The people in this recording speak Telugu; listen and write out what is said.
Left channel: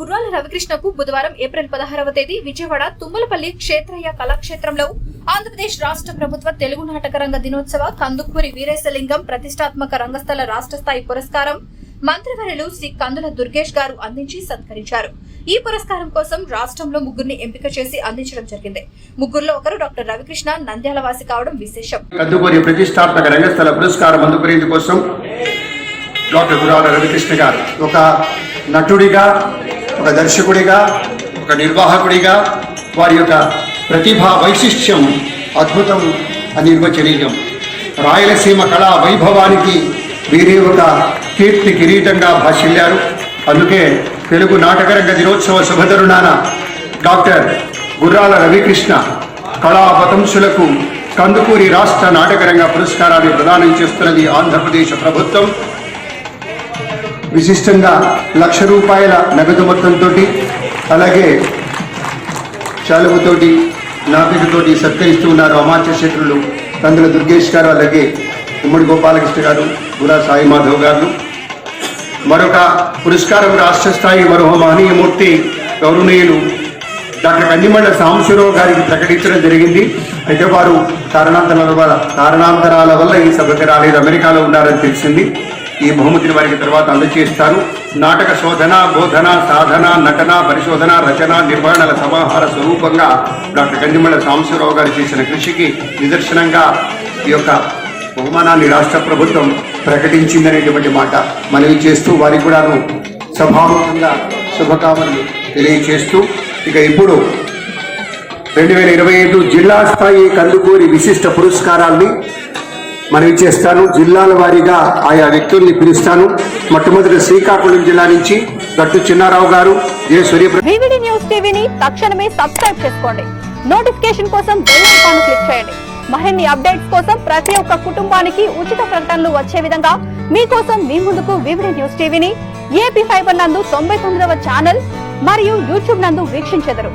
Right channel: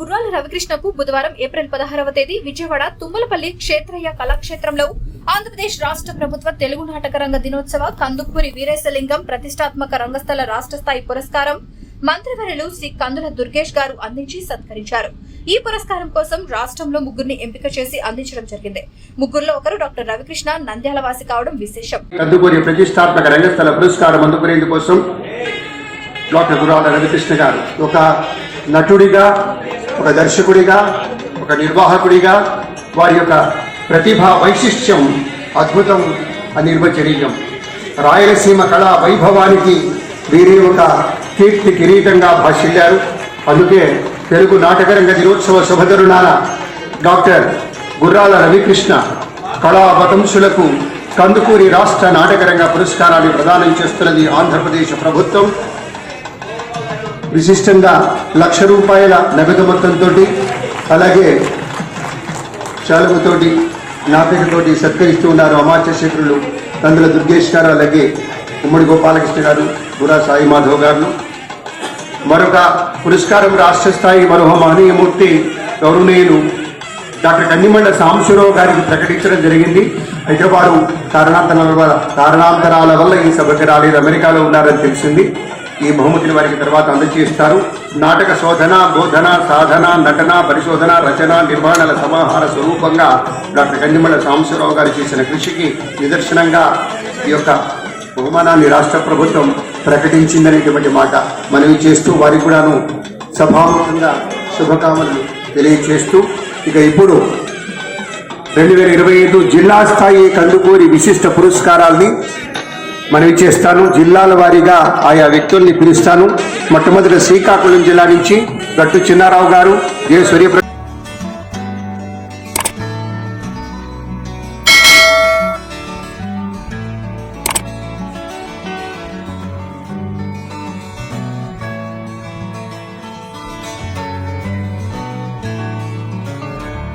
గుర్రాల రవికృష్ణకు బుధవారం ఏప్రిల్ పదహారవ తేదీ విజయవాడ తుమ్మలపల్లి క్షేత్రయ్య కళాక్షేత్రంలో ఆంధ్రప్రదేశ్ రాష్ట్ర ప్రభుత్వ తెలుగు నాటక రంగ దినోత్సవ కందుకూరి వీరేశలింగం ప్రతిష్టాత్మక రంగస్థల రాష్ట్ర స్థాయి పురస్కారం మంత్రివర్యులు శ్రీ కందుల దుర్గేష్ గారు అందించి సత్కరించారు. ఈ పురస్కారం కోసం రాష్ట్రంలో ముగ్గురిని ఎంపిక చేసి అందించడం జరిగింది. ముగ్గురులో ఒకరు డాక్టర్ రవికృష్ణ నంద్యాల వాసి కావడం విశేషం. కందుకూరి ప్రతిష్టాత్మక రంగస్థల పురస్కారం అందుకునేందుకోసం డాక్టర్ రవికృష్ణ గారు ఒక నటుడిగా ఒక దర్శకుడిగా ఒక నిర్వాహకుడిగా వారి యొక్క ప్రతిభా వైశిష్ట్యం అద్భుతం అనిర్వచనీయం రాయలసీమ కళా వైభవానికి వీరే ఒక కీర్తి కిరీటంగా భాషిల్లారు. అందుకే తెలుగు నాటకరంగ దినోత్సవ శుభతరుణాన డాక్టర్ గుర్రాల రవికృష్ణ కళా వతంసులకు కందుకూరి రాష్ట్ర నాటకరంగ పురస్కారాన్ని ప్రదానం చేస్తున్నది ఆంధ్రప్రదేశ్ ప్రభుత్వం. విశిష్టంగా లక్ష రూపాయల నగదు మొత్తంతో అలాగే శాలువతోటి నాపికతోటి సత్కరిస్తూ ఉన్నారు అమాత్య శత్రులు కందుల దుర్గేష్ గారు అలాగే ఉమ్మడి గోపాలకృష్ణ గారు గురా సాయి మాధవ్ గారు. మరొక పురస్కారం రాష్ట్ర స్థాయి మరో మహనీయమూర్తి గౌరవనీయులు డాక్టర్ కందిమండ సాంబశివరావు గారికి ప్రకటించడం జరిగింది. అయితే వారు కారణాంతరాల వల్ల కారణాంతరాల వల్ల ఈ సభకు రాలేదు. అమెరికాలో ఉన్నారని తెలిసింది. ఈ బహుమతిని వారికి తర్వాత అందజేస్తారు. నాటక శోధన బోధన సాధన నటన పరిశోధన రచన నిర్వహణల సమాహార స్వరూపంగా డాక్టర్ గండిమల్ల సాంబశివరావు గారు చేసిన కృషికి నిదర్శనంగా ఈ యొక్క బహుమానాన్ని రాష్ట్ర ప్రభుత్వం ప్రకటించిందనేటువంటి మాట మనవి చేస్తూ వారికి కూడాను సభాముఖంగా శుభకామనలు తెలియచేస్తూ ఇక ఇప్పుడు రెండు వేల ఇరవై ఐదు జిల్లా స్థాయి కందుకూరి విశిష్ట పురస్కారాల్ని మనవి చేస్తాను. జిల్లాల వారీగా ఆయా వ్యక్తుల్ని పిలుస్తాను. మొట్టమొదటి శ్రీకాకుళం జిల్లా నుంచి గట్టు చిన్నారావు గారు. ఏ సూర్యప్రకాష్ న్యూస్ టీవీని తక్షణమే సబ్స్క్రైబ్ చేసుకోండి. నోటిఫికేషన్ కోసం బెల్ ఐకాన్ క్లిక్ చేయండి. మరిన్ని అప్డేట్స్ కోసం ప్రతి ఒక్క కుటుంబానికి ఉచిత ప్రకటనలు వచ్చే విధంగా మీకోసం మీ ముందుకు వివిడి న్యూస్ టీవీని ఏపీ ఫైబర్ నందు తొంభై తొమ్మిదవ ఛానల్ మరియు యూట్యూబ్ నందు వీక్షించెదరు.